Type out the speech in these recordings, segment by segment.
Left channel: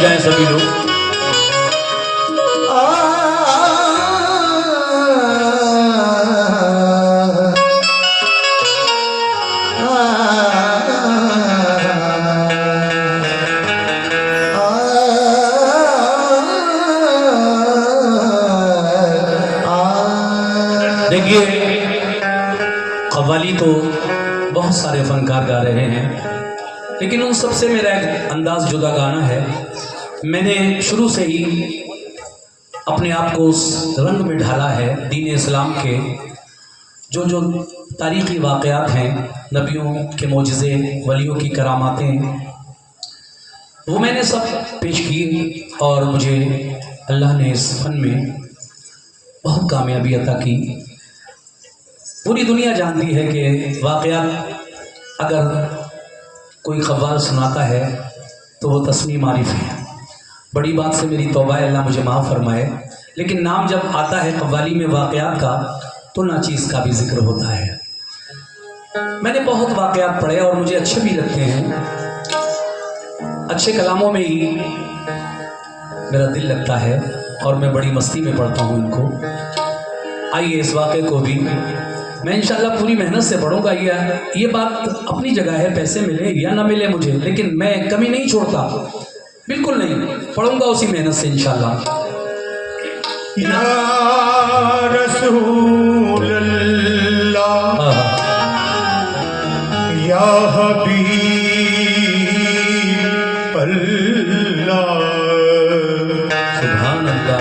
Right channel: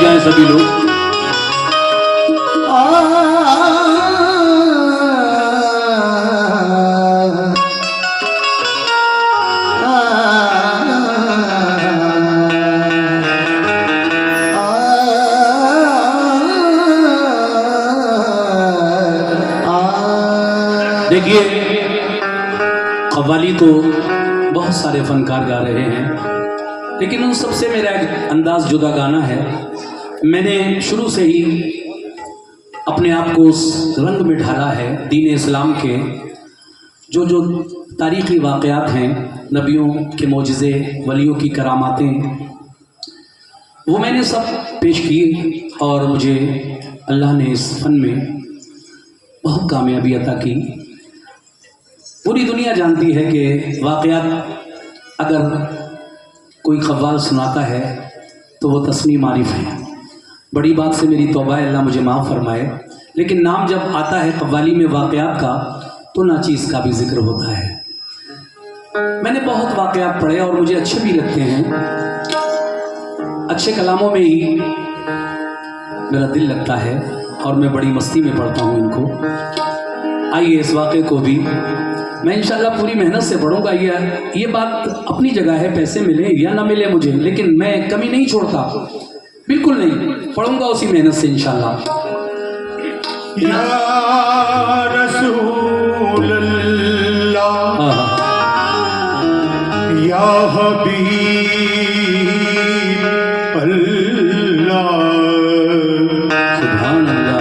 जाएं सभी लोग। देखिए, कव्वाली तो बहुत सारे फनकार गा रहे हैं, लेकिन उन सबसे मेरा एक अंदाज जुदा गाना है। मैंने शुरू से ही अपने आप को उस रंग में ढाला है दीन इस्लाम के जो जो तारीख़ी वाक़यात हैं, नबियों के मौजिज़े, वलियों की करामातें, वो मैंने सब पेश की और मुझे अल्लाह ने इस फन में बहुत कामयाबी अता की। पूरी दुनिया जानती है कि वाक़यात अगर कोई ख़व्वाल सुनाता है तो वो तस्नीम आरिफ है। बड़ी बात से मेरी तौबा है, अल्लाह मुझे माफ़ फरमाए, लेकिन नाम जब आता है कव्वाली में वाक़यात का तो नाचीज़ का भी जिक्र होता है। मैंने बहुत वाक़यात पढ़े और मुझे अच्छे भी लगते हैं। अच्छे कलामों में ही मेरा दिल लगता है और मैं बड़ी मस्ती में पढ़ता हूँ इनको। आइए इस वाक़े को भी मैं इंशाल्लाह पूरी मेहनत से पढ़ूंगा। ये बात अपनी जगह है, पैसे मिले या ना मिले मुझे, लेकिन मैं कमी नहीं छोड़ता, बिल्कुल नहीं, पढ़ूंगा उसी मेहनत से इंशाल्लाह। या रसूल अल्लाह, या हबीब अल्लाह, सुभान अल्लाह,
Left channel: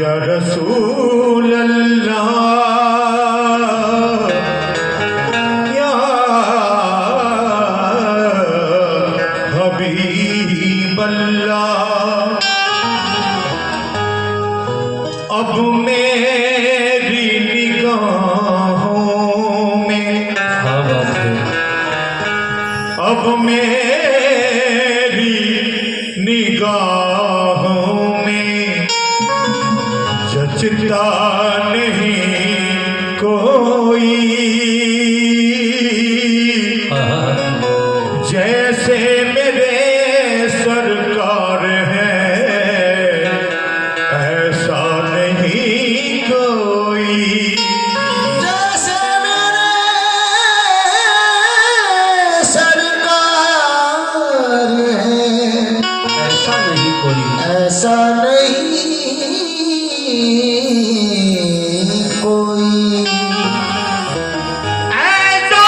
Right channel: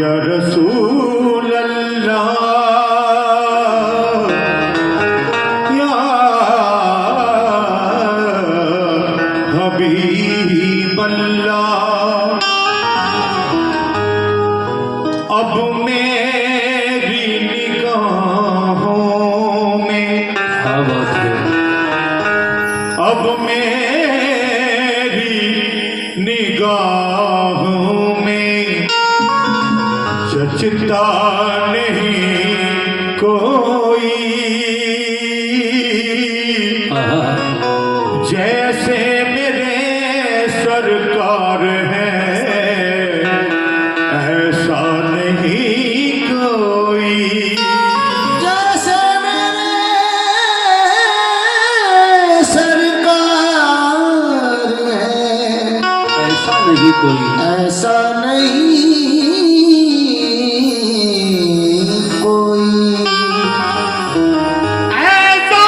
या रसूल अल्लाह, हबीब अल्लाह। अब मेरी निगाहों में, अब मेरी निगाहों में जचता नहीं कोई, जैसे सरकार है ऐसा नहीं कोई, जैसे मेरे सरकार है ऐसा नहीं कोई, ऐसा नहीं कोई। ऐसा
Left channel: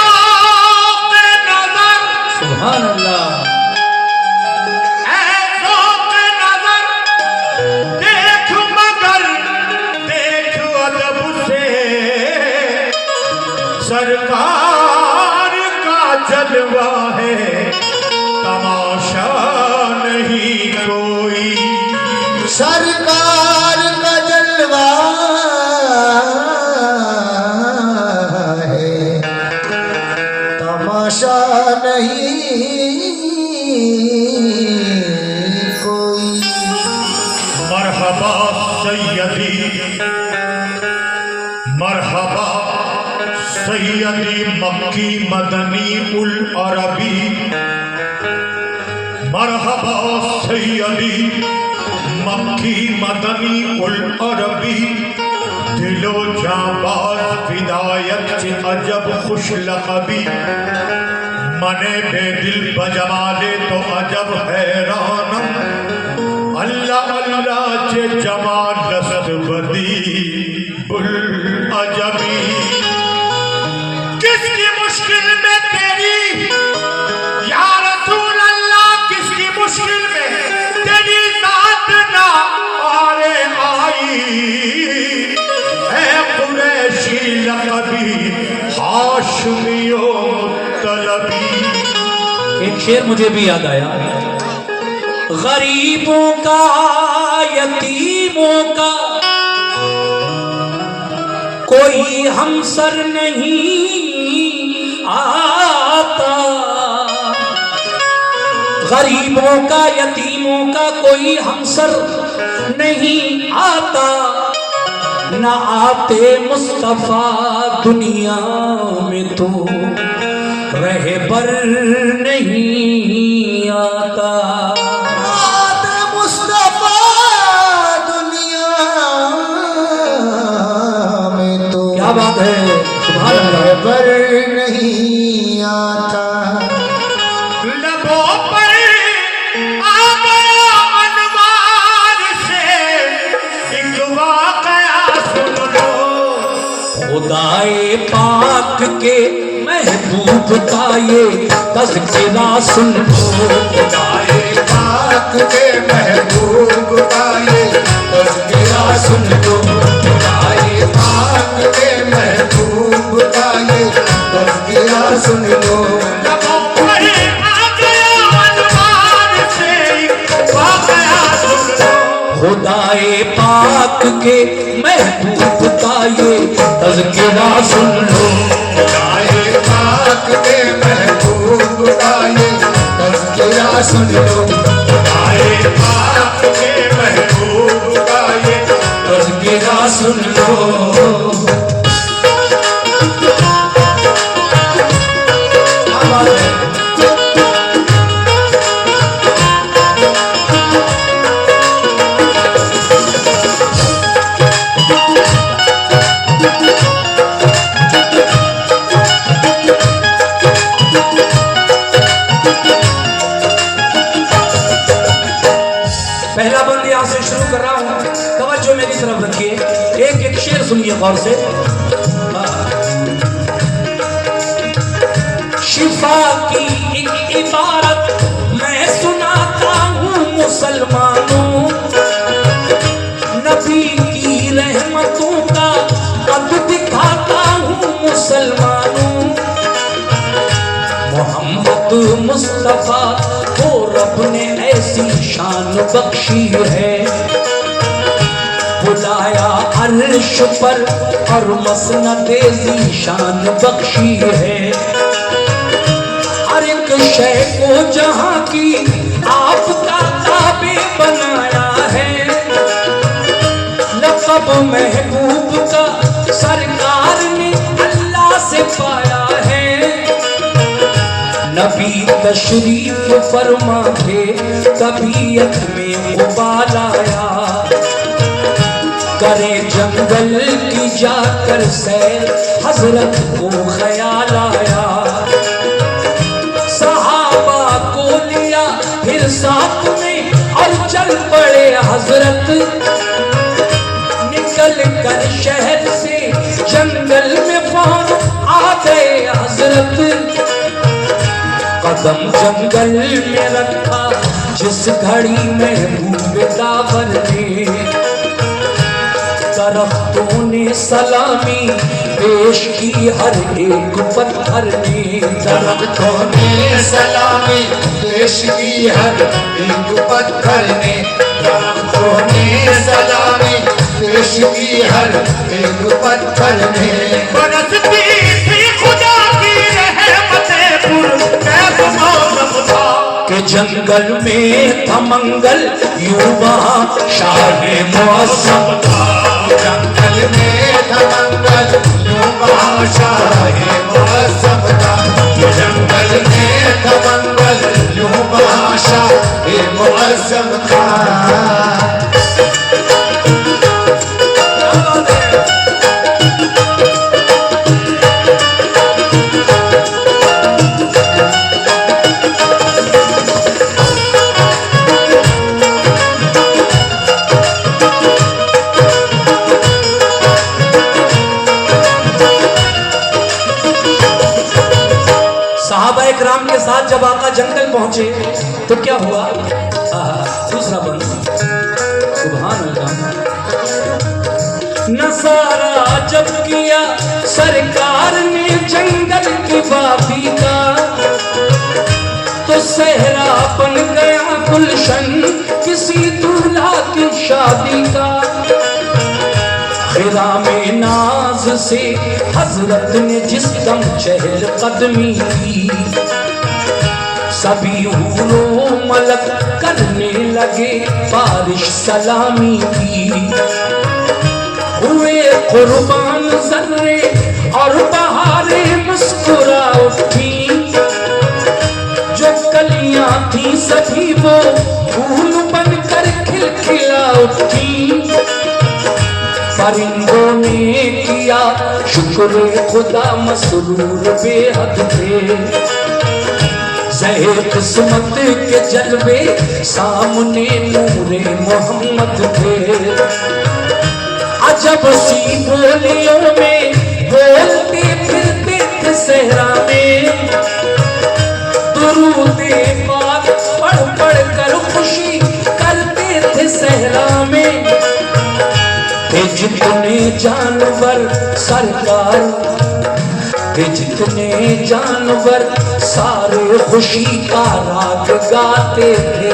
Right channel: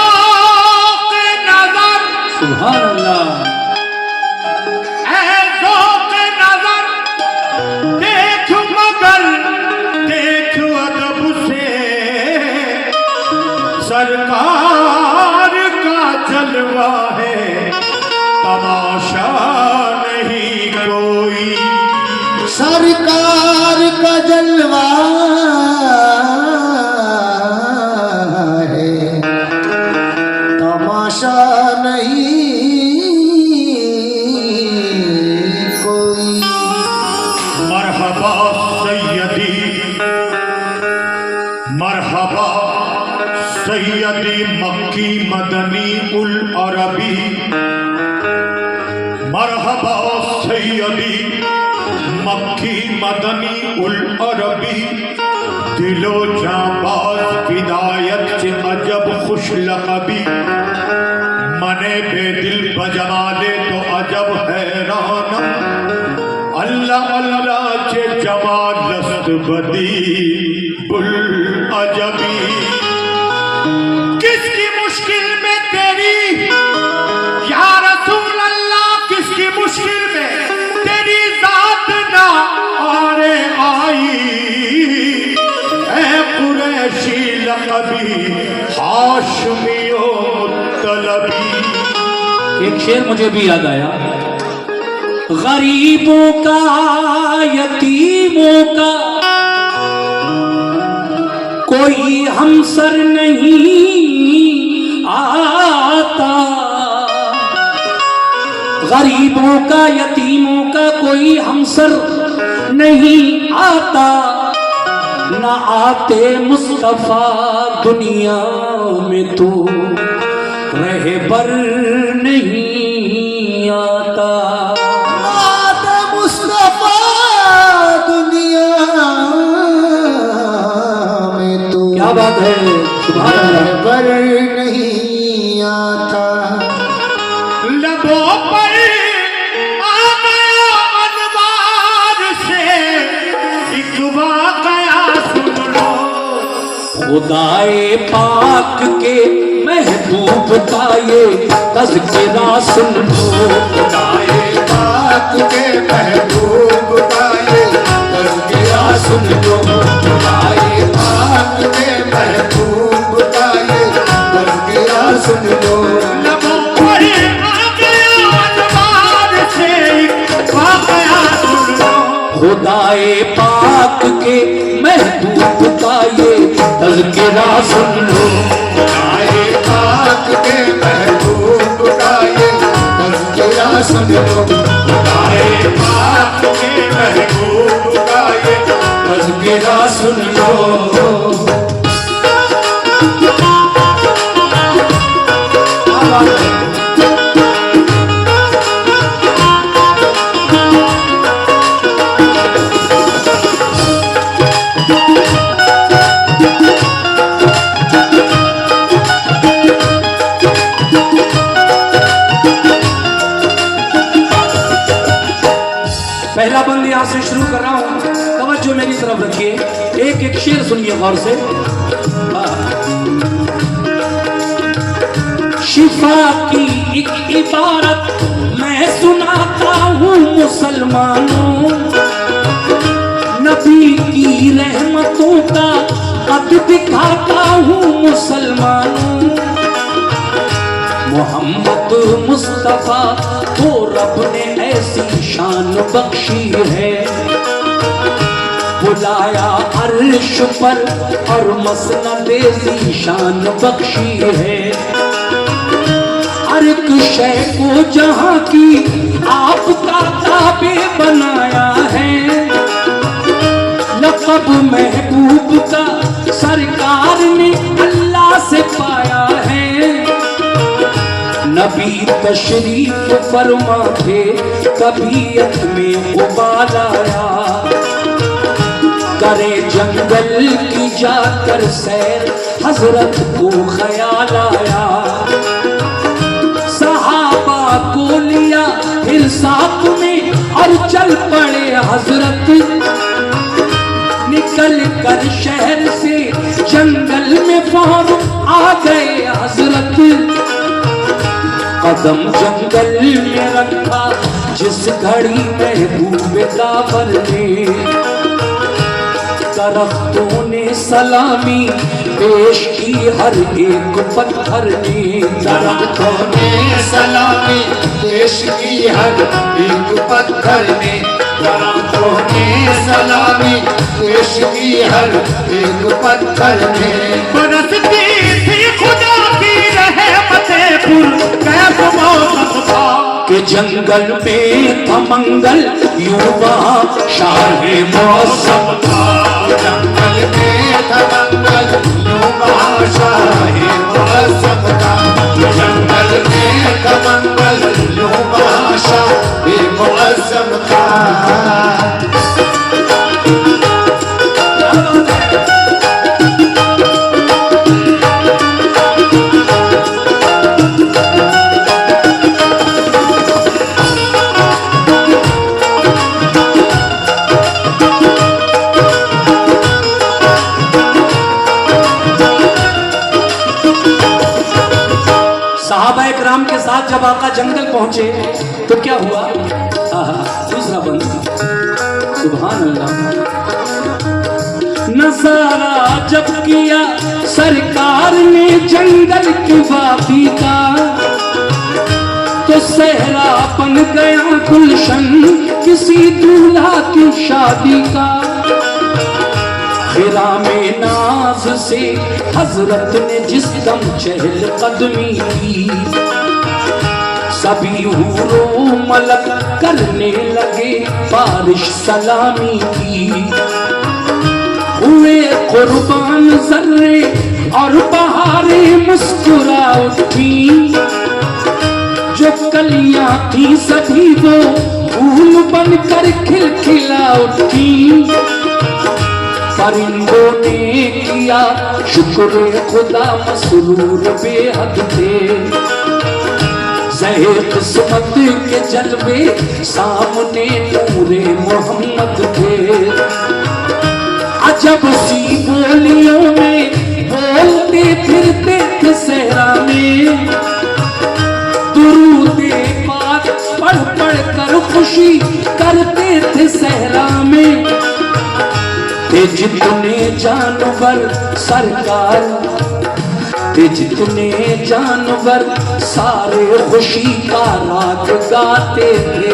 नजर, सुभान अल्लाह, देख मगर देख अदब से सरकार का जलवा है, तमाशा नहीं कोई, सरकार का जलवा है, तमाशा नहीं कोई। मरहबा सैयदी, मरहबा सैयदी मक्की मदनी उल अरबी, मरहबा सैयदी मक्की मदनी उल अरबी, दिलो जाबाज विदायत चे अजब खुश लक़बी, मने बेदिल बजमाले तो अजब हैरानम, अल्लाह अल्लाह चे जमाल लस्त बदी बुल अजबी। किसकी मुश्किल में तेरी या रसूल अल्लाह, किसकी मुश्किल में तेरी जात ना आरे आई, ऐ कुरैशी लक़बी हाशमियो मुत्तलबी। एक शेर मुझे भी याद आया, गरीबों का यतीमों का कोई हमसर नहीं आता, गरीबों का यतीमों का कोई हमसर नहीं आता, न आते मुस्तफा दुनिया में तो रहबर नहीं आता। है, सुभान अल्लाह। रहबर नहीं आता। लबों पर आ गया अनवार से एक वाकया सुन लो। खुदाए पाक के महबूब का ये तज़किरा सुन लो। खुदाए पाक के महबूब का ये तज़किरा सुन लो। खुदाए पाक के महबूब का ये तज़किरा सुन लो। लबों पर आ गया अनवार से एक वाकया सुन लो। खुदाए पाक के महबूब का ये तज़किरा सुन लो। खुदाए पाक के महबूब का ये तज़किरा सुन लो। खुदाए पाक के महबूब का ये तज़किरा सुन लो। पहला बंद यहाँ से शुरू कर रहा हूँ, तवज्जो मेरी तरफ रखिए। एक एक शेर सुनिए गौर से। शिफा की एक इबारत मैं सुनाता हूँ मुसलमानों, नबी की रहमतों का कद दिखाता हूँ मुसलमानों। मोहम्मद मुस्तफा को रब ने ऐसी शान बख्शी है, बुलाया अर्श पर और मसनदे ज़ीशान बख्शी है। हर एक शय को जहां की आपका ताबे बनाया है, लक़ब महबूब का सरकार ने अल्लाह से पाया है। नबी तशरीफ फरमा थे, तबीयत में उबाल आया, करे जंगल की जाकर सैर हजरत को ख्याल आया। सहाबा को लिया फिर साथ में और चल पड़े हजरत, निकल कर शहर से जंगल में फौर आ गए हजरत। कदम जंगल में रखा जिस घड़ी महबूब काबर ने, दरख्तों ने सलामी पेश की हर एक पत्थर ने। दरख्तों ने सलामी पेश की हर एक पत्थर ने। दरख्तों ने सलामी पेश की हर एक पत्थर ने। बरसती थी खुदा की रहमतें के जंगल में था मंगल यूं वहाँ शाहे मौसम था। जंगल में था मंगल यूं वहाँ शाहे मौसम था। जंगल में था मंगल यूं वहाँ शाहे मौसम था। जब आका जंगल पहुंचे तो क्या हुआ? दूसरा बंद, सुभान अल्लाह। नजारा जब किया सरकार ने जंगल की वादी का, तो सहरा बन गया गुलशन किसी दूल्हा की शादी का। फिरा में नाज से हजरत ने जिस दम चहल कदमी की, सभी हूरों मलक करने लगे बारिश सलामी की। हुए कुर्बान जर्रे और बहारें मुस्कुरा उठी, जो कलियां थी सभी वो फूल बनकर खिलखिला उठी। परिंदों ने किया शुक्र शुक्र खुदा मसरूर बेहद थे, ज़हे किस्मत के जलवे सामने नूरे मोहम्मद थे। अजब सी बोलियों में बोलते फिरते थे सहरा में, दुरूदे पाक पढ़ पढ़ कर खुशी करते थे सहरा में। ते जितने जानवर सरकार, ते जितने जानवर सारे खुशी का राग गाते थे।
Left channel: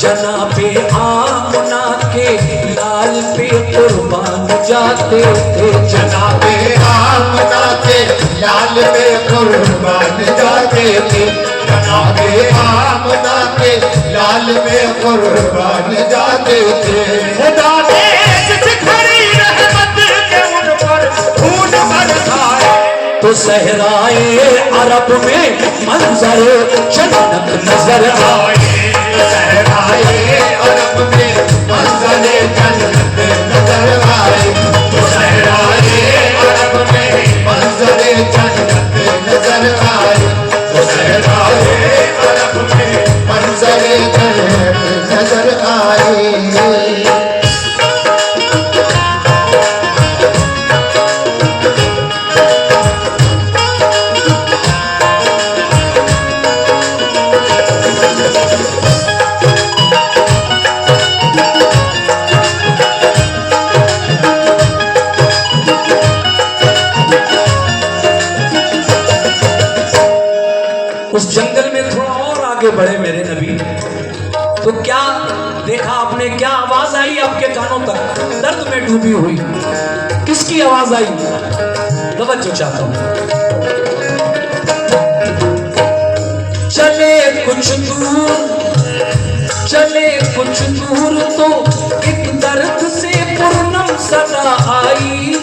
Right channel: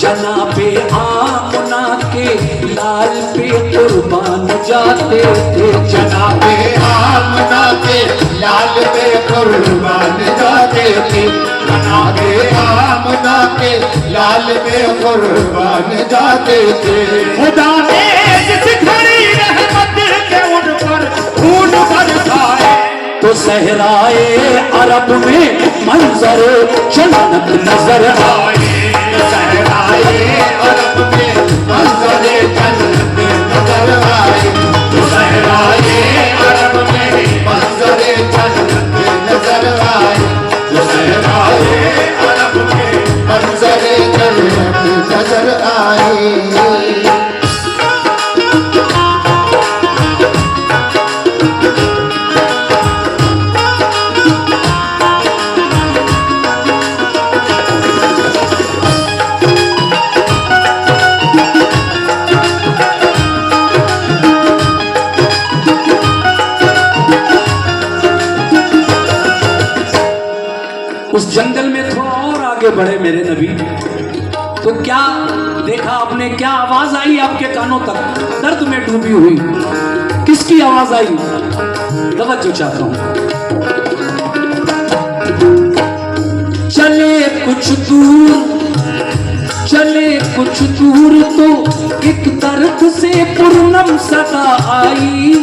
जनाबे आमना के लाल पे कुर्बान जाते थे, जनाबे आमना के लाल पे कुर्बान जाते थे, जनाबे आमना के लाल पे कुर्बान जाते थे। खुदा ने जिस घड़ी रहमत के उन पर फूल बरसाए, तो सहराए अरब में मंजर जन्नत नजर आए। सहराए अरब में मंजर जन्नत नजर आए, सहराए अरब में मंजर जन्नत नजर आए, सहराए अरब में मंजर जन्नत नजर आए। उस जंगल में थोड़ा और आगे बढ़े मेरे नबी, तो क्या देखा आपने, क्या आवाज आई आपके कानों तक? दर्द में डूबी हुई किसकी आवाज आई? तवज्जो चाहता हूं। चले कुछ दूर, चले कुछ दूर तो एक दर्द से पूर्णम सदा आई।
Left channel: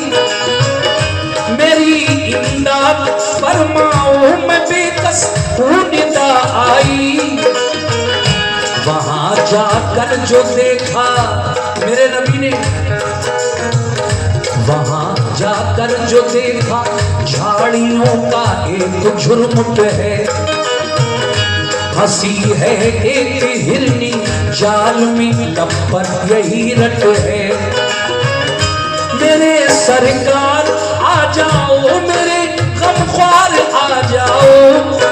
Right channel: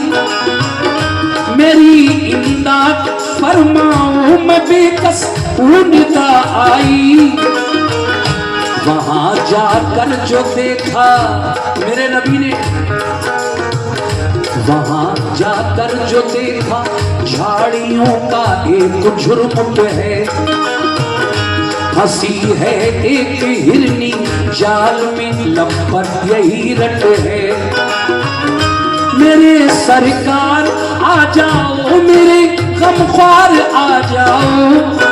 मेरी इमदाद फरमाओ मैं बेकस निदा आई। वहां जाकर जो देखा मेरे नबी ने, वहां जाकर जो देखा झाड़ियों का एक झुरमुट है। हंसी है एक हिरनी जाल में लब पर यही रट है। मेरे सरकार आ जाओ, मेरे गमख्वार आ जाओ,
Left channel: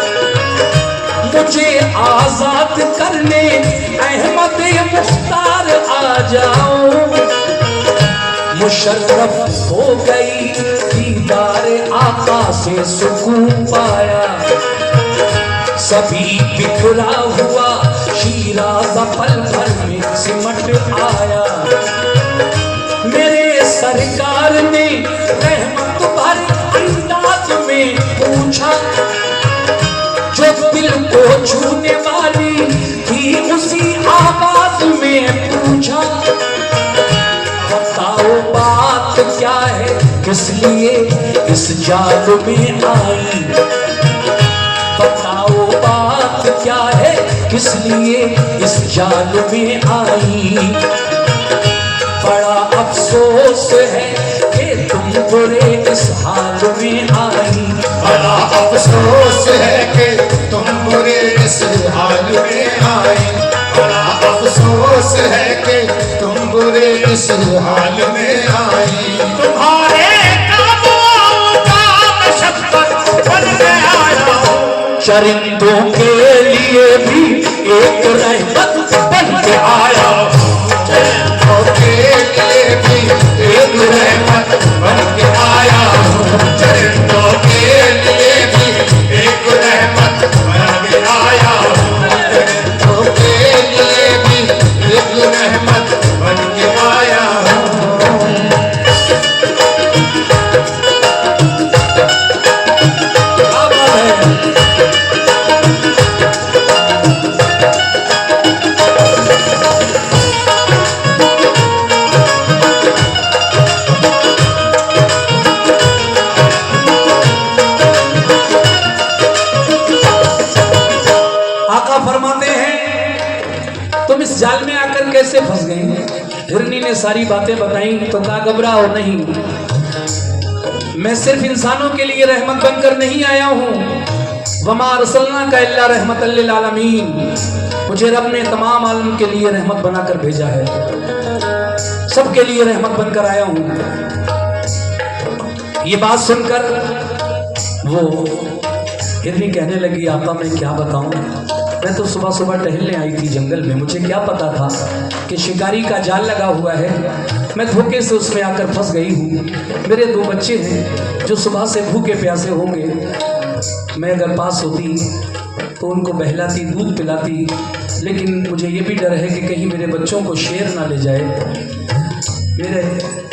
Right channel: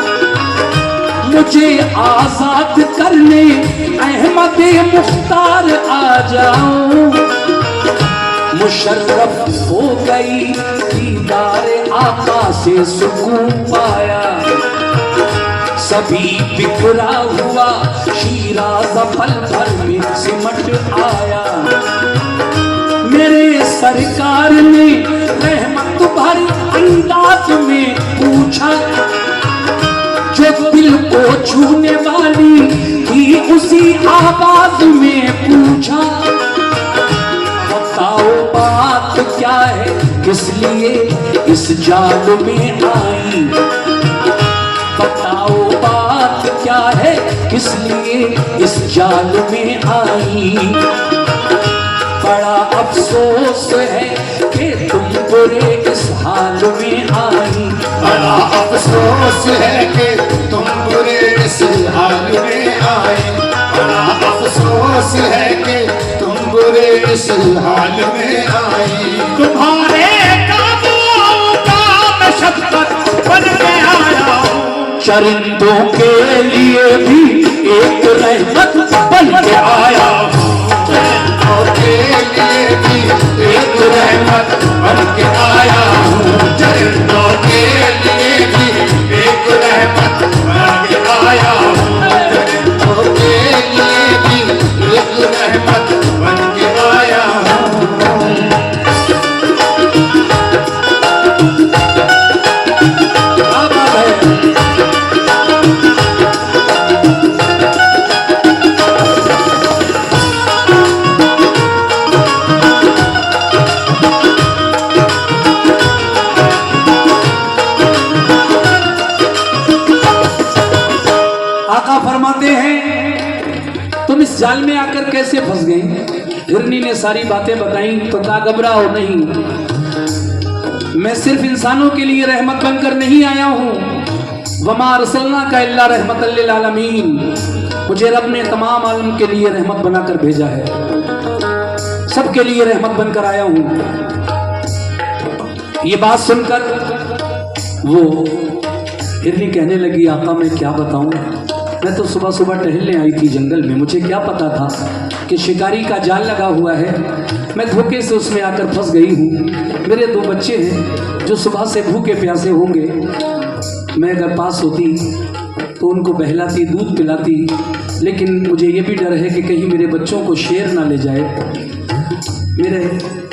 मुझे आजाद करने अहमद मुख्तार आ जाओ। मुशर्रफ हो गई दीदार आका से सुकून पाया। सभी बिखरा हुआ शीराज़ पल भर में सिमट आया। मेरे सरकार ने रहमत भर अंदाज में पूछा, जो दिल को छूने वाली थी उसी आवाज में पूछा। बताओ बात क्या है, किस लिए इस जाल में आई? बताओ बात क्या है, किस लिए इस जाल में आई? बड़ा अफसोस है कि तुम बुरे इस हाल में आई। बड़ा अफसोस है कि तुम बुरे इस हाल में आए, बड़ा अफसोस है कि तुम बुरे इस हाल में आई। तुम्हारे काबुओं का मैं शफकत बन के आया हूँ। चरिंदों के लिए भी एक रहमत बन के आया हूँ। चरिंदों के लिए भी एक रहमत बन के आया हूँ। चरिंदों के लिए भी एक रहमत बन के आया हूँ। चरिंदों के लिए भी एक रहमत बन के आया हूँ। तुम इस जाल में आकर कैसे फंस गए? हिरनी ने सारी बातें बताई तो कहा घबराओ नहीं, मैं सिर्फ इंसानों के लिए रहमत बनकर नहीं आया हूँ। वमा अरसलना का इल्ला रहमतल लिल आलमीन, मुझे रब ने तमाम आलम के लिए रहमत बनाकर भेजा है, सबके लिए रहमत बनकर आया हूँ। ये बात सुनकर वो हिरनी कहने लगी, आका मैं क्या बताऊं, मैं तो सुबह सुबह टहलने आई थी जंगल में, मुझे क्या पता था कि शिकारी का जाल लगा हुआ है, मैं धोखे से उसमें आकर फंस गई हूँ। मेरे 2 बच्चे हैं जो सुबह से भूखे प्यासे होंगे, मैं अगर पास होती तो उनको बहलाती, दूध पिलाती, लेकिन मुझे ये भी डर है कि कहीं मेरे बच्चों को शेर ना ले जाए। मेरे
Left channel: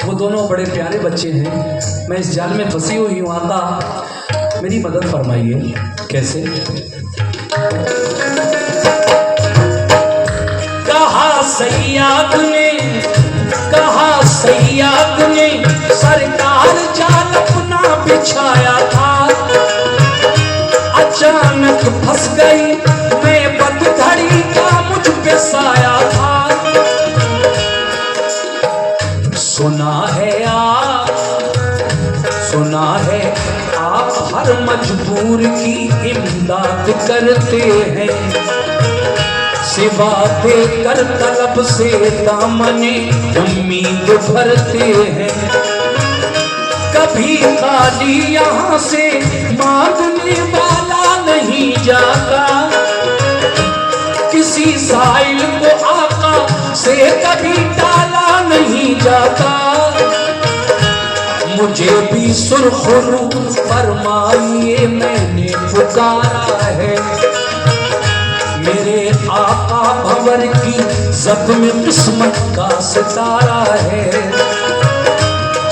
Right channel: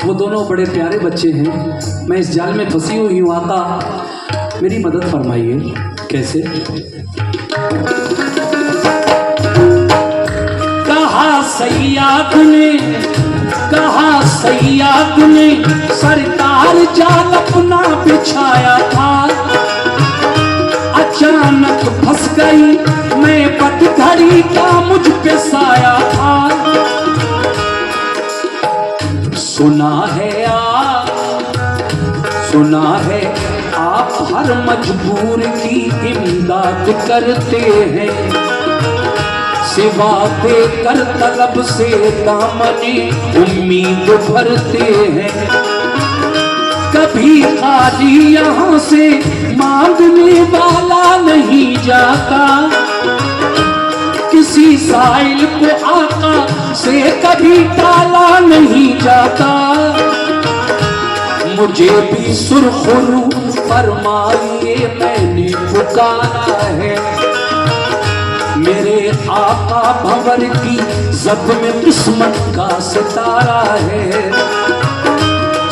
वो दोनों बड़े प्यारे बच्चे हैं, मैं इस जाल में फंसी हुई हूँ, आका मेरी मदद फरमाइए। कैसे? कहा सैयाद ने सरकार जाल अपना बिछाया था, अचानक फंस गई मैं, पतझड़ी का मुझ पे साया था। सुना है आप हर मजबूर की इमदाद करते हैं, सिवा देकर तलब से दामने उम्मीद भरते हैं। कभी खाली यहाँ से मांगने वाला नहीं जाता, किसी साइल को आका से कभी टाला नहीं जाता। मुझे भी सुरखरू फरमाइए, मैंने पुकारा है, मेरे आका भंवर की जद में किस्मत का सितारा है।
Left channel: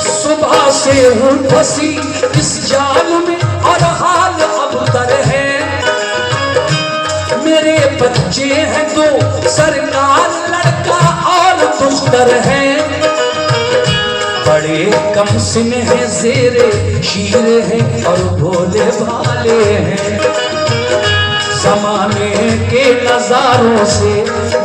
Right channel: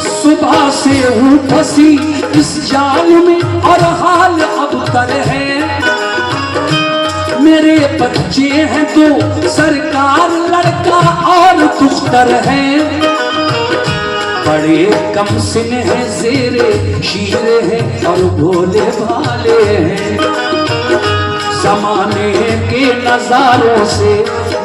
सुबह से हूँ फंसी इस जाल में और हाल अब तर है, मेरे बच्चे हैं 2 सरकार लड़का और दुख्तर है, बड़े कम सिन है, ज़ेरे शीर है और भोले भाले हैं। ज़माने के नज़ारों से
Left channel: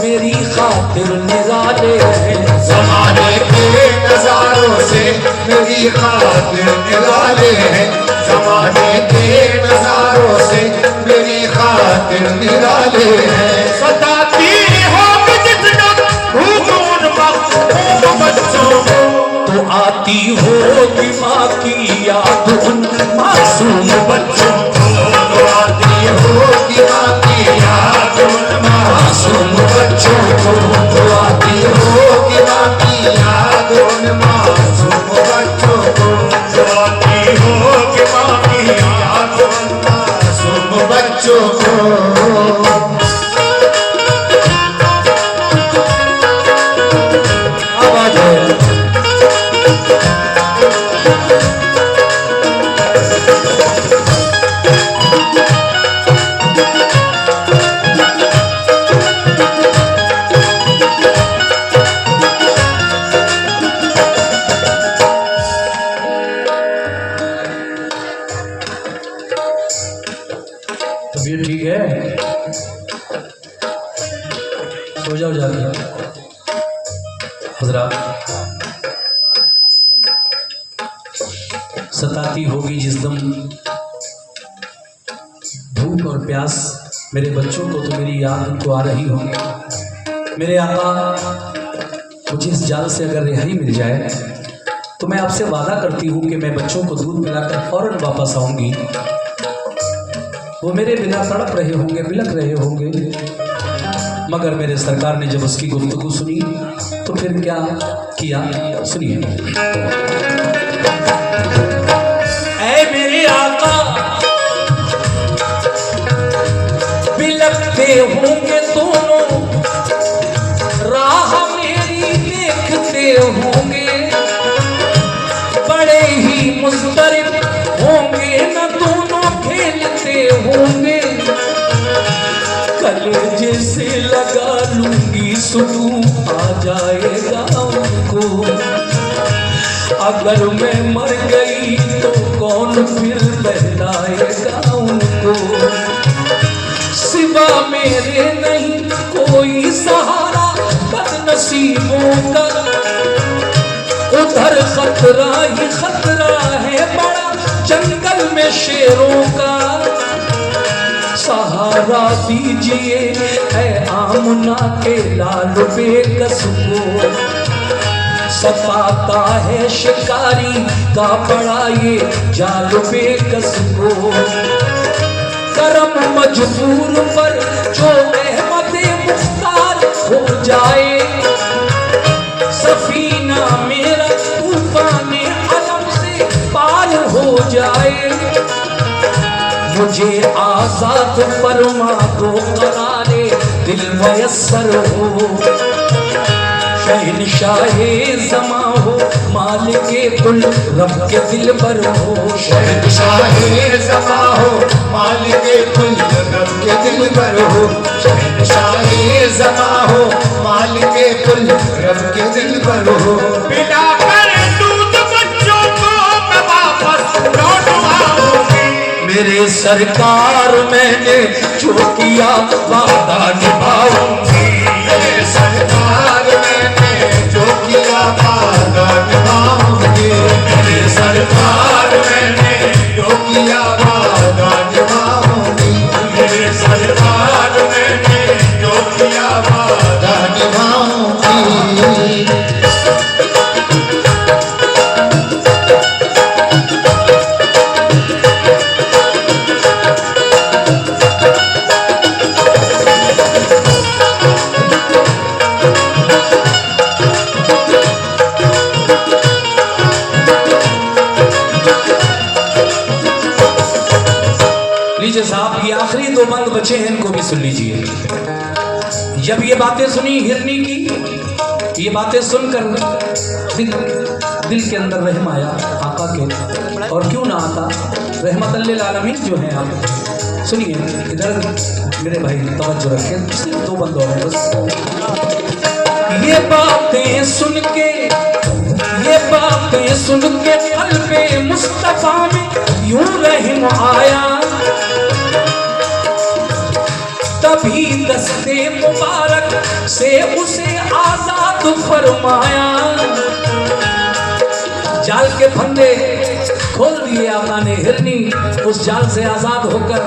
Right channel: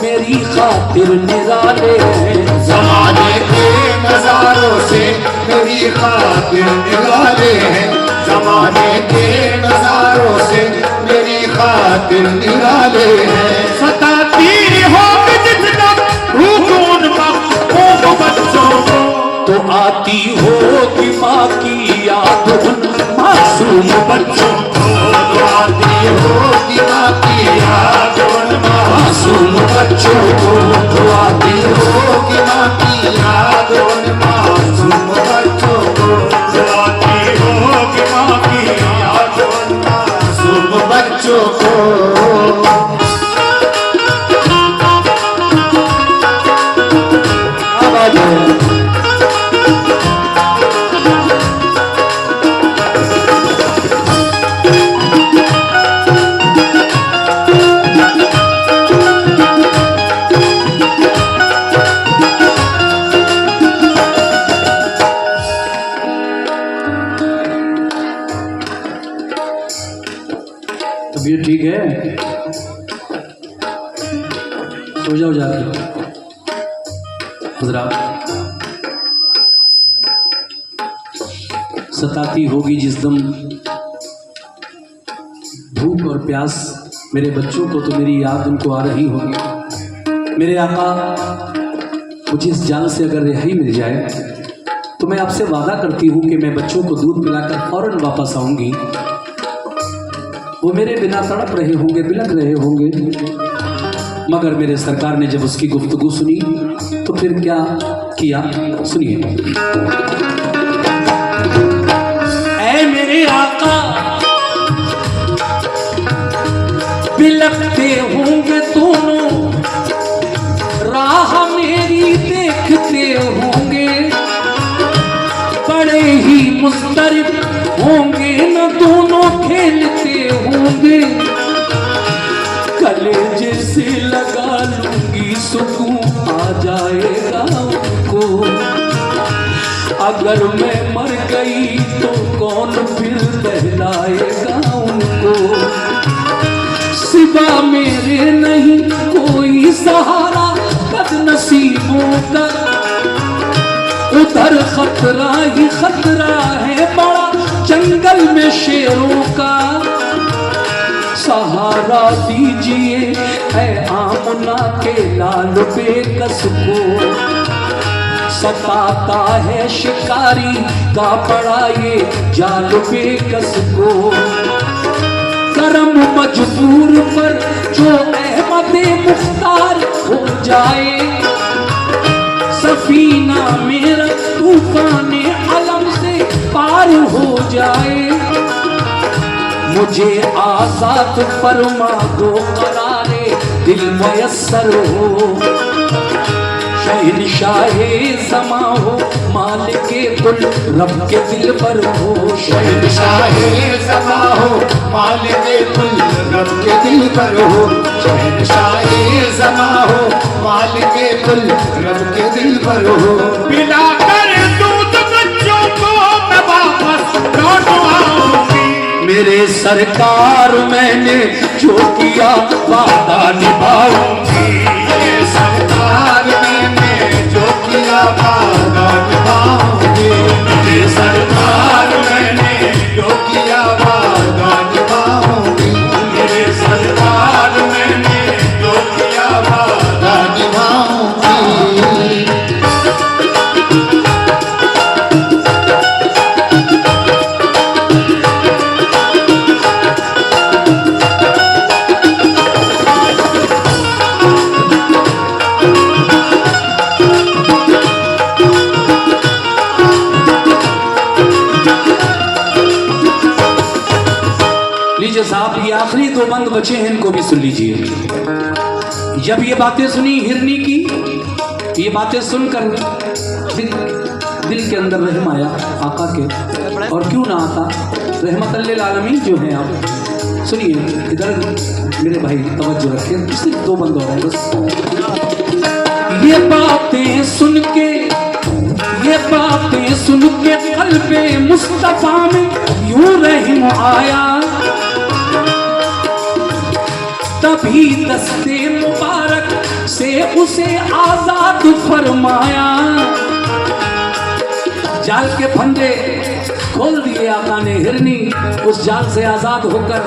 मेरी खातिर निराले हैं, ज़माने के नज़ारों से मेरी खातिर निराले हैं, ज़माने के नज़ारों से मेरी खातिर निराले हैं। सताती होगी जितना भूख उन बच्चों को, तो आती होगी माँ की याद उन मासूम बच्चों को, तो आती होगी माँ की याद उन मासूम बच्चों को, तो आती होगी माँ की याद उन मासूम बच्चों को, जो आती होगी माँ की याद उन मासूम बच्चों को। तबीयत ठीक है? सो जाओ जाके। हजरात, सताती होगी जिस दम भूख और प्यास मेरे बच्चों को, तो मेरी याद उनको आ रही होगी। मेरे आका, मुझे इस जाल से अगर रिहाई मिल जाए तो मैं आपसे वादा करती हूँ कि मैं बच्चों को दूध पिलाकर फौरन वापस आऊँगी। वो मेरे बिना तड़प रहे होंगे, बिलख रहे होंगे, मगर मेरे सरकार ने जब उसकी गुफ्तगू सुनी तो फिर क्या किया, सुनिए। ऐ मेरे आका, बिलखते होंगे दोनों, राह मेरी देखते होंगे, बड़े ही मुस्तरिद होंगे न दोनों खेलते होंगे। कलेजे से लगा लूंगी सुकून आ जाएगा उनको, अगर मैं मर गई तो कौन फिर बहलाएगा उनको। सिवा मेरे नहीं कोई सहारा बदनसीबों का, उधर खतरा ही खतरा है बड़ा, लहरों का सहारा दीजिए है आमना के लाल बेकस को। सताता है शिकारी का बड़ा ये जाल बेकस को। करम मजबूर पर जो अहमद मुख्तार हो जाए, सफीना मेरा तूफान अलम से पार हो जाए। मुझे आजाद फरमा दो करारे दिल मयस्सर हो। शहनशाहे ज़मा हो मालिके कुल रब के दिल पर हो। शहनशाहे ज़मा हो मालिके कुल रब के दिल पर हो। शहनशाहे ज़मा हो मालिके कुल रब के दिल पर हो। पिलाकर दूध बच्चों को मैं वापस लौट आऊंगी। मेरे सरकार मैंने जो किया वादा निभाऊंगी। मेरे सरकार मैंने जो किया वादा निभाऊंगी। मेरे सरकार मैंने जो किया वादा निभाऊंगी। मेरे सरकार मैंने जो किया वादा निभाऊंगी। लीजिए साहब, ये आखिरी दो बंद बचे हैं, इनको भी सुन लीजिए। जब ये बातें सुनी हिरनी की, ये बातें सुनकर दिल के अंदर रहम आया आका के। और क्यों ना आता, रहमत लिल आलमीन जो हैं आप। सुनिए इधर मेरे भाई तवज्जो रखें, सिर्फ दो बंद और बस। ये बातें सुन के, ये बातें सुन के क़ल्बे मुस्तफ़ा में यूं रहम आया। तभी दस्ते मुबारक से उसे आजाद फरमाया। जाल के फंदे खोल दिए आका ने। हिरनी उस जाल से आजाद होकर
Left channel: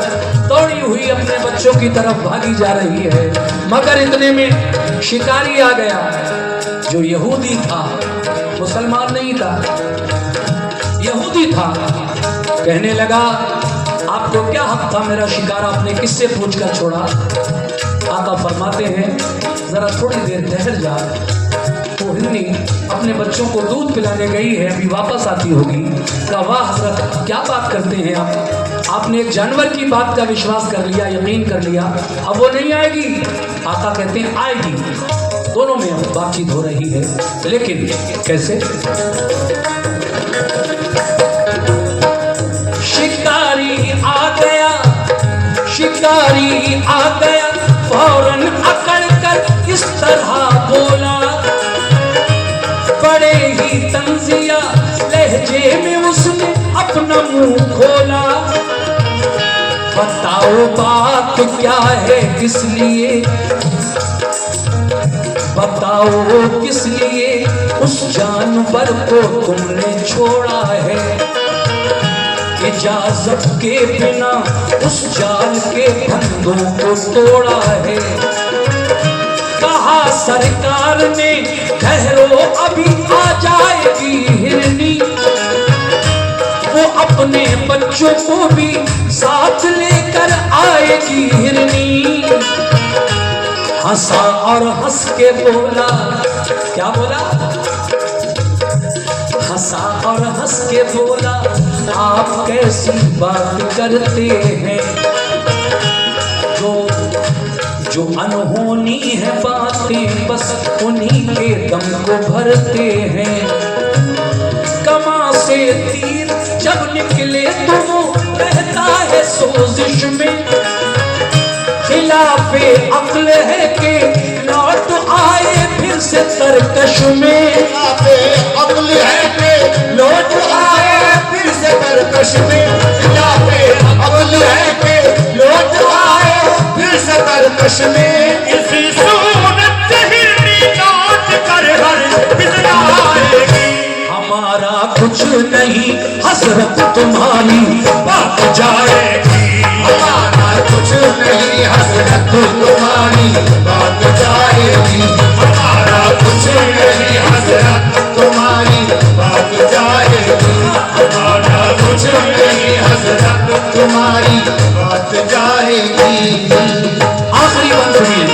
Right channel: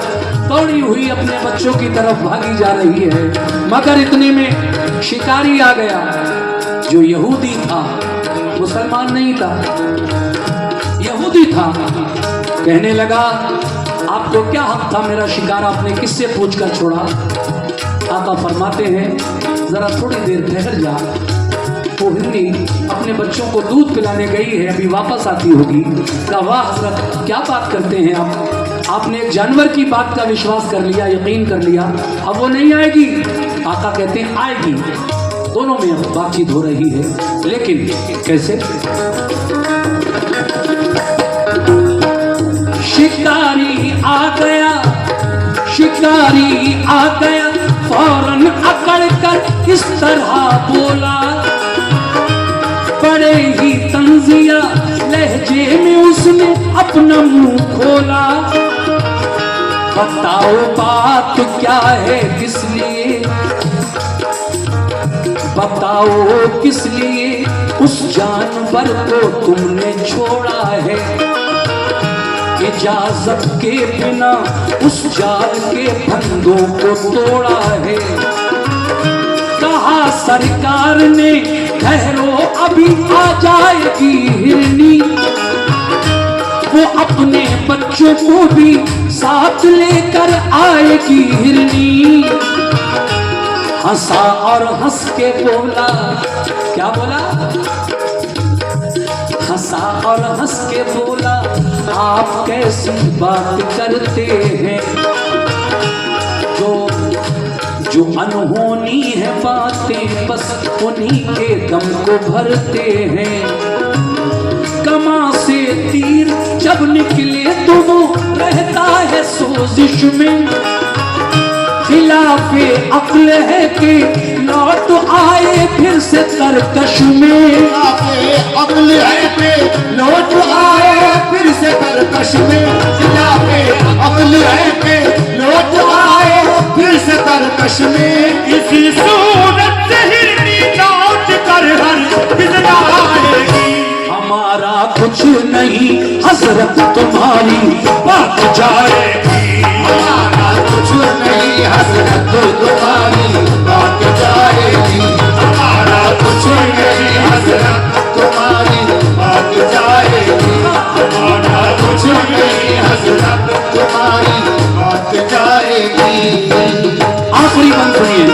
दौड़ी हुई अपने बच्चों की तरफ भागी जा रही है। मगर इतने में शिकारी आ गया जो यहूदी था, मुसलमान नहीं था, यहूदी था। कहने लगा आपको क्या हक था मेरा शिकार आपने किससे पूछकर छोड़ा। आका फरमाते हैं जरा थोड़ी देर ठहर जा। वो हिरनी अपने बच्चों को दूध पिलाने गई है, अभी वापस आती होगी। कहा वाह हज़रत क्या बात करते हैं आप, आपने एक जानवर की बात का विश्वास कर लिया, यकीन कर लिया, अब वो नहीं आएगी। आका कहते हैं आएगी। दोनों में अब बातचीत हो रही है, लेकिन कैसे। शिकारी आ गया, शिकारी आ गया, फौरन अकड़ कर इस तरह बोला। बड़े ही तंजिया लहजे में उसने अपना मुंह खोला। बताओ बात क्या है किस लिए, बताओ किस लिए उस जानवर को तुमने छोड़ा है। इजाजत के बिना उस जाल के फंदों को तोड़ा है। कहा सरकार ने ठहरो अभी आ जाएगी हिरनी। वो अपने बच्चों को भी साथ लेकर आएगी हिरनी। हंसा और हंस के बोला, क्या बोला, हंसा और हंस के बोला आप कैसी बात करते हैं। जो अनहोनी है बातें बस उन्हीं के दम को भरते हैं। कमा से तीर जब निकले तो वो रहता है सोजिश में। खिलाफे अक्ल है कि लौट आए फिर से तरकश में। खिलाफे अक्ल है कि लौट आए फिर से तरकश में। खिलाफे अक्ल है कि लौट आए फिर से तरकश में। इसी सूरत से हिरनी लौट कर हर बिजला आएगी। हमारा कुछ नहीं हसरत तुम्हारी बात जाए बात जाएगी। आखिरी बंद सुनिए।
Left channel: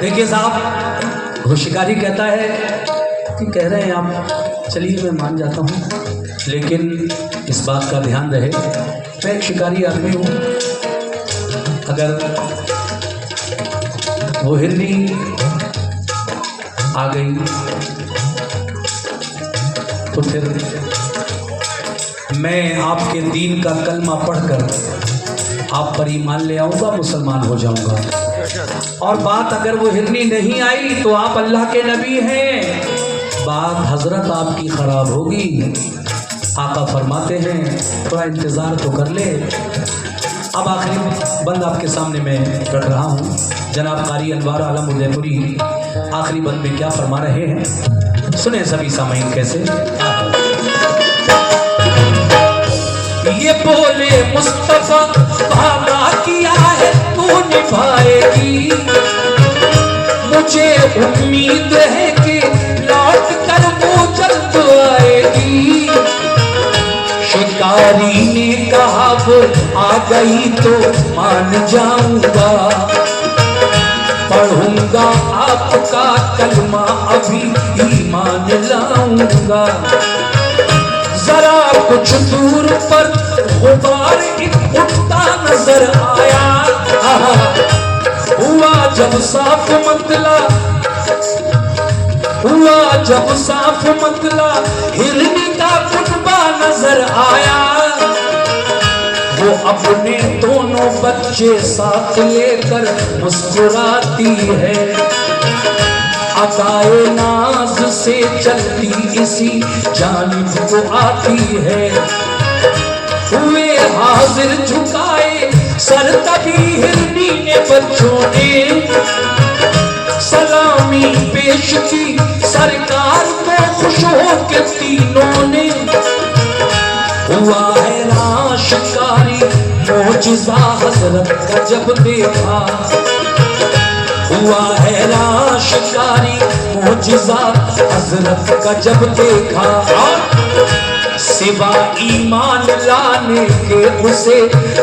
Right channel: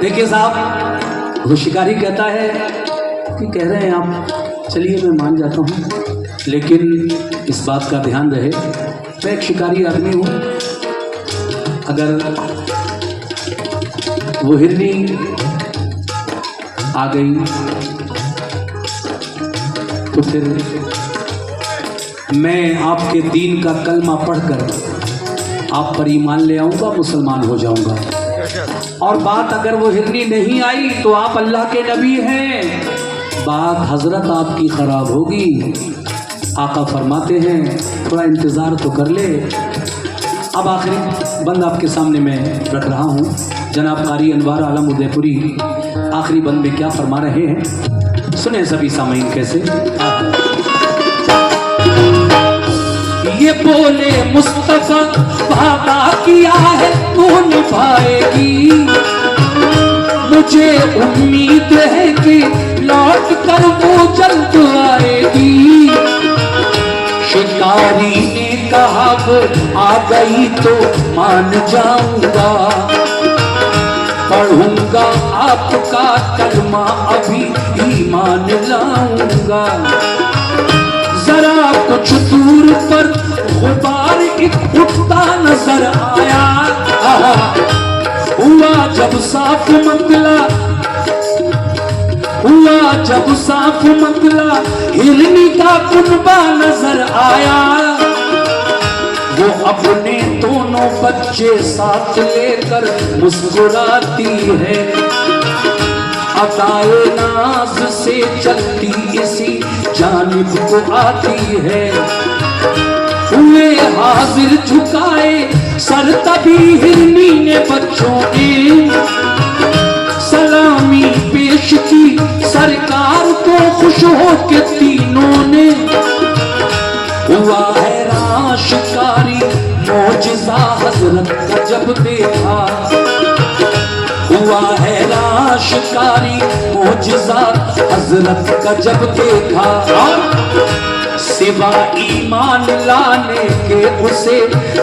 देखिए साहब, वो शिकारी कहता है कि कह रहे हैं आप, चलिए मैं मान जाता हूँ, लेकिन इस बात का ध्यान रहे मैं एक शिकारी आदमी हूँ। अगर वो हिरनी आ गई तो फिर मैं आपके दीन का कलमा पढ़कर आप पर ईमान ले आऊँगा, मुसलमान हो जाऊँगा। और बात अगर वो हिरनी नहीं आई तो आप अल्लाह के नबी हैं, बात हजरत आपकी खराब होगी। आका फरमाते हैं थोड़ा इंतज़ार तो कर ले। अब आखिरी बंद आपके सामने मैं रख रहा हूँ। जनाब कारी अनवार आलम उदयपुरी आखिरी बंद में क्या फरमा रहे हैं, सुने सभी सामीन कैसे। ये बोले मुस्तफा वादा किया है तू निभाएगी, मुझे उम्मीद है कि लौट कर वो जल्द आएगी। शिकारी ने कहा वो आ गई तो मान जाऊंगा, पढ़ूंगा आपका कलमा अभी ईमान लाऊंगा। जरा कुछ दूर पर गुबार उठता नजर आया, हुआ जब साफ मतला, हुआ जब साफ मतला, हिरनी का कुनबा नजर आया। वो अपने दोनों बच्चे साथ लेकर मुस्कुराती है, अताए नाज से चलती इसी जानिब को आती है। हुए हाजिर झुकाए सर तभी हिरनी ने बच्चों ने सलामी पेश की सरकार को खुश हो के तीनों ने। हुआ है शिकारी मोजिज़ा हजरत का जब देखा, हुआ है शिकारी मोजिज़ा हजरत का जब देखा। सिवा ईमान लाने के उसे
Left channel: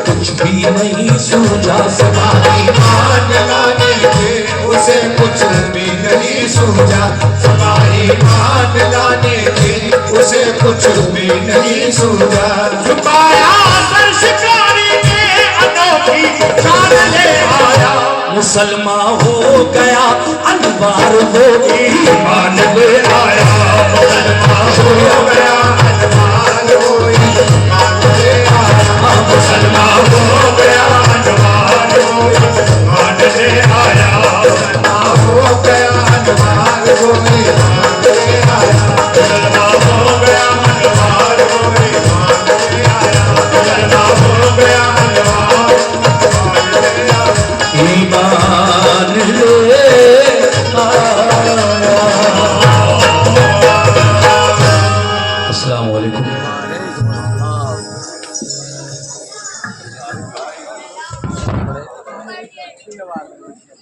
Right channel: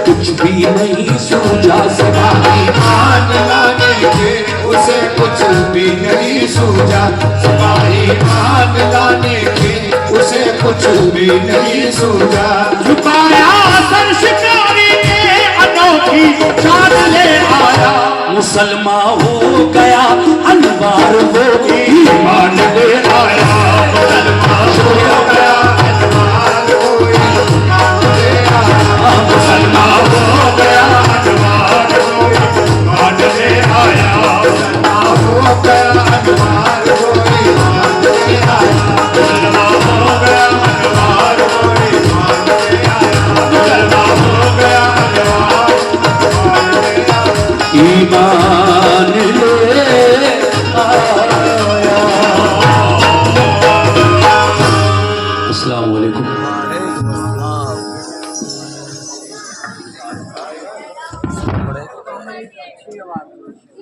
कुछ भी नहीं सूझा, सिवा ईमान लाने के उसे कुछ भी नहीं सूझा, सिवा ईमान लाने के उसे कुछ भी नहीं सूझा। झुकाया सर शिकारी ने अनोखी जान ले आया, मुसलमान हो गया अनवार हो ईमान ले आया। हो गया अनवार हो ईमान ले आया, मुसलमान हो गया अनवार हो ईमान ले आया, हो गया अनवार हो ईमान